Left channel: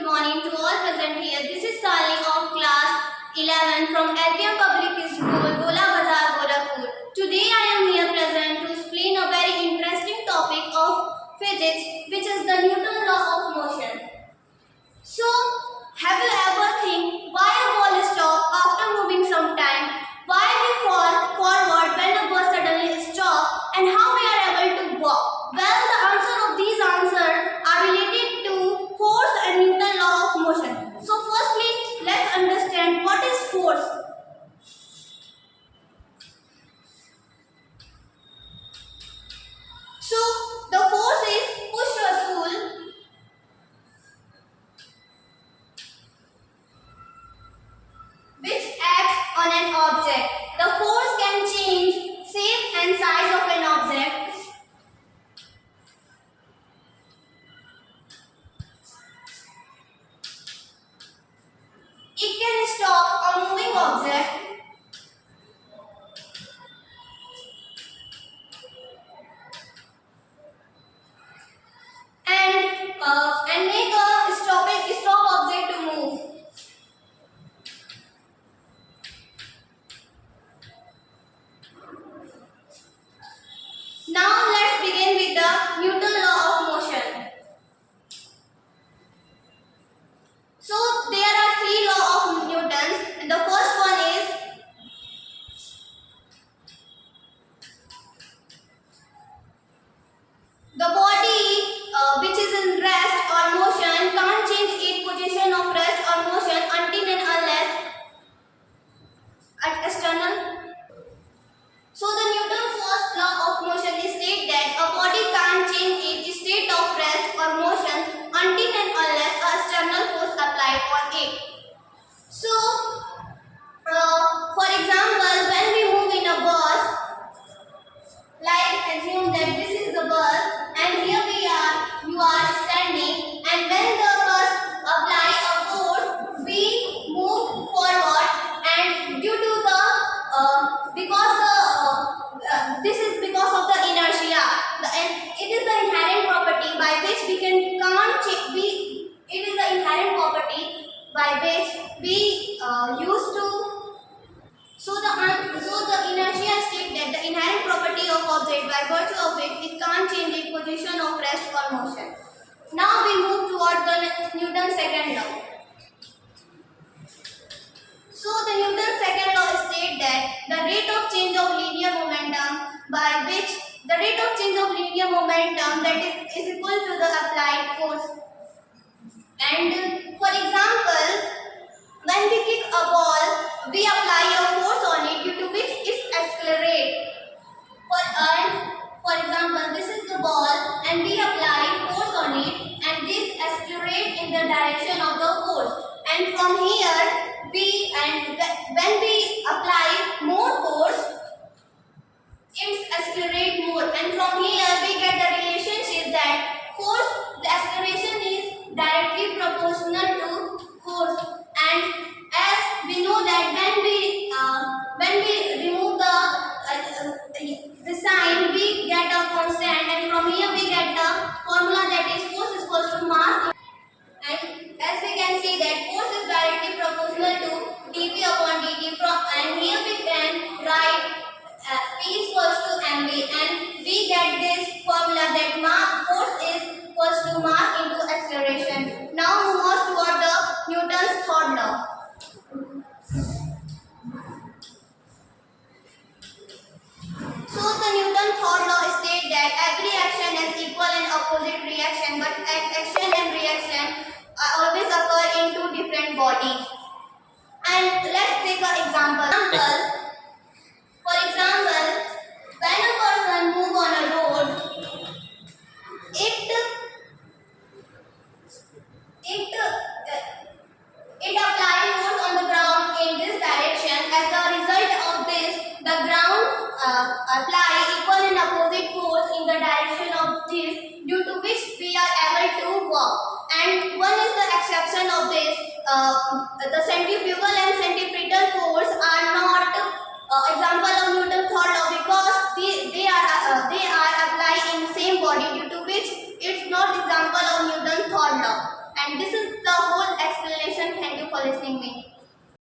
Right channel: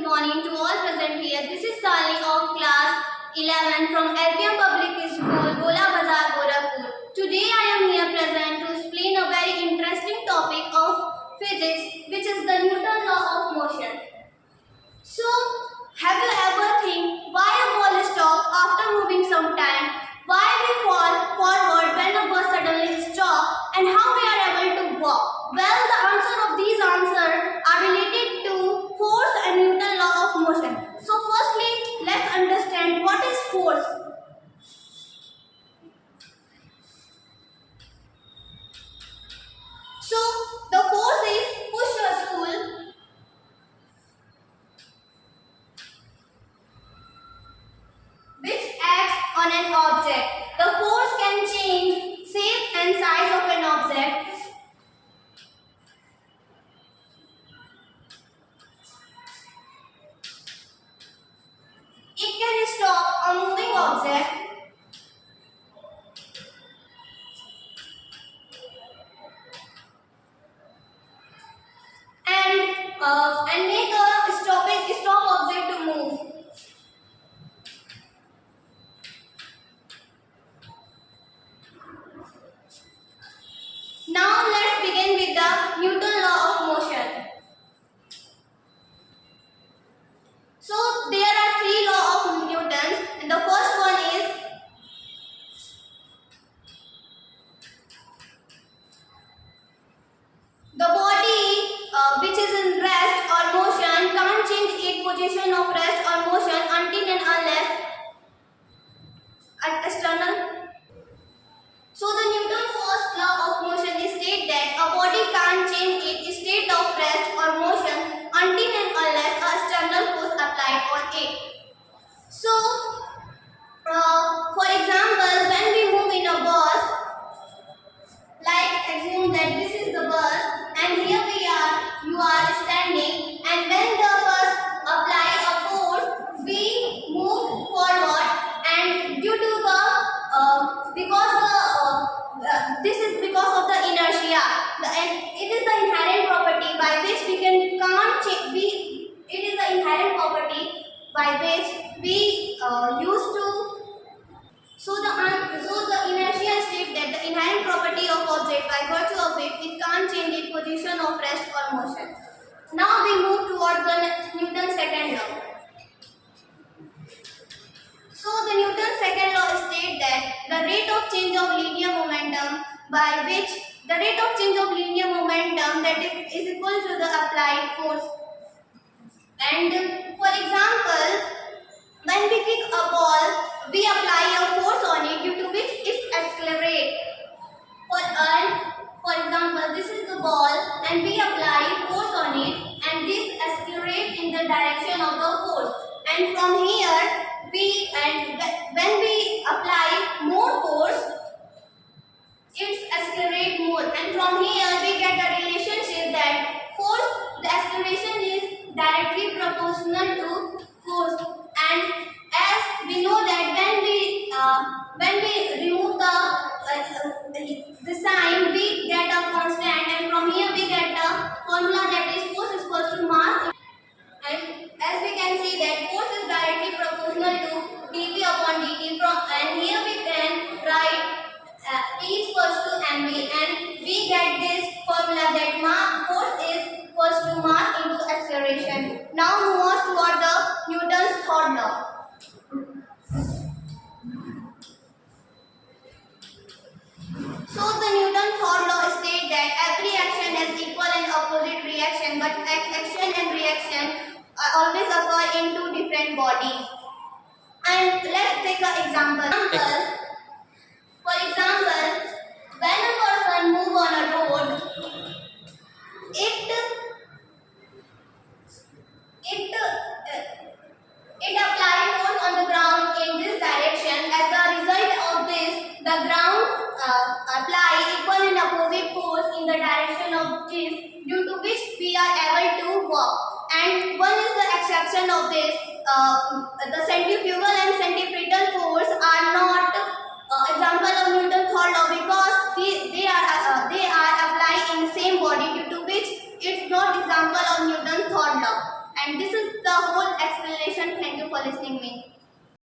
good morning to all present here. This is Sali of class 11 from LPM Public School, Gola Bazar, Gorakhpur. Today I am here present to explain a very interesting topic of physics, which is the Newton law of motion. So, have you ever think why a ball stops after moving some time? Why we fall forward when a bus suddenly stops, and how we are able to walk? Well, the answer of these answers are related to force and Newton law of motion. So, firstly, let's understand what is force. So, the force is push or pull which acts on an object. The force can change shape and size of an object. It can stop a moving object and make a stop object to move. Now let's begin with the Newton law of motion. So there are three laws of Newton's, and the first one is the body which is in rest or motion can't change its position of rest or motion until and unless external. So the Newton's first law of motion is state that a body can't change its state of rest or motion until and unless a external force applied on it. So, for example, when we move in a bus, like assume that this is the bus and here you are standing, and when the bus applies a force, we move forward, and due to the this is because of the inertia. And it is the inherent property by which we can't change. It is the inherent property by which we used to. So the inertia states that the inherent property of object by virtue of it can't change its position of rest or motion. Now we move toward the Newton's second law. So the Newton's second law states that the rate of change of linear momentum by which the rate of change of linear momentum that is equal to the applied force. And for example, when we kick a ball, we apply a force on it due to which it accelerates. For example, this is the ball and we apply force on it, and this accelerates in the direction of the force. And from here, when we apply more force, it accelerates more. And from here, we get the relationship that the acceleration is directly proportional to force. And as we know that when we remove the sign, we get a constant, and from here we get the formula that is force is equal to mass. And as we can see that force is directly proportional to dp upon dt. And here we can write P is equal to mv, and we get this formula that force is equal to mass into acceleration. Now move on toward the Newton's third law. So the Newton's third law states that every action has equal and opposite reaction, but action and reaction always occur in two different bodies. And let's take an example. For example, when a person moves on a road, it applies force on the ground in this direction. As the result of this, the ground apply equal and opposite force in the direction of this, due to which we are able to walk. And one is the exception of this. The centrifugal and centripetal force are not example of Newton's third law, because they are applied in the same body, due to which it's not example of Newton's third law. And this is the whole explanation. Thank you for listening me.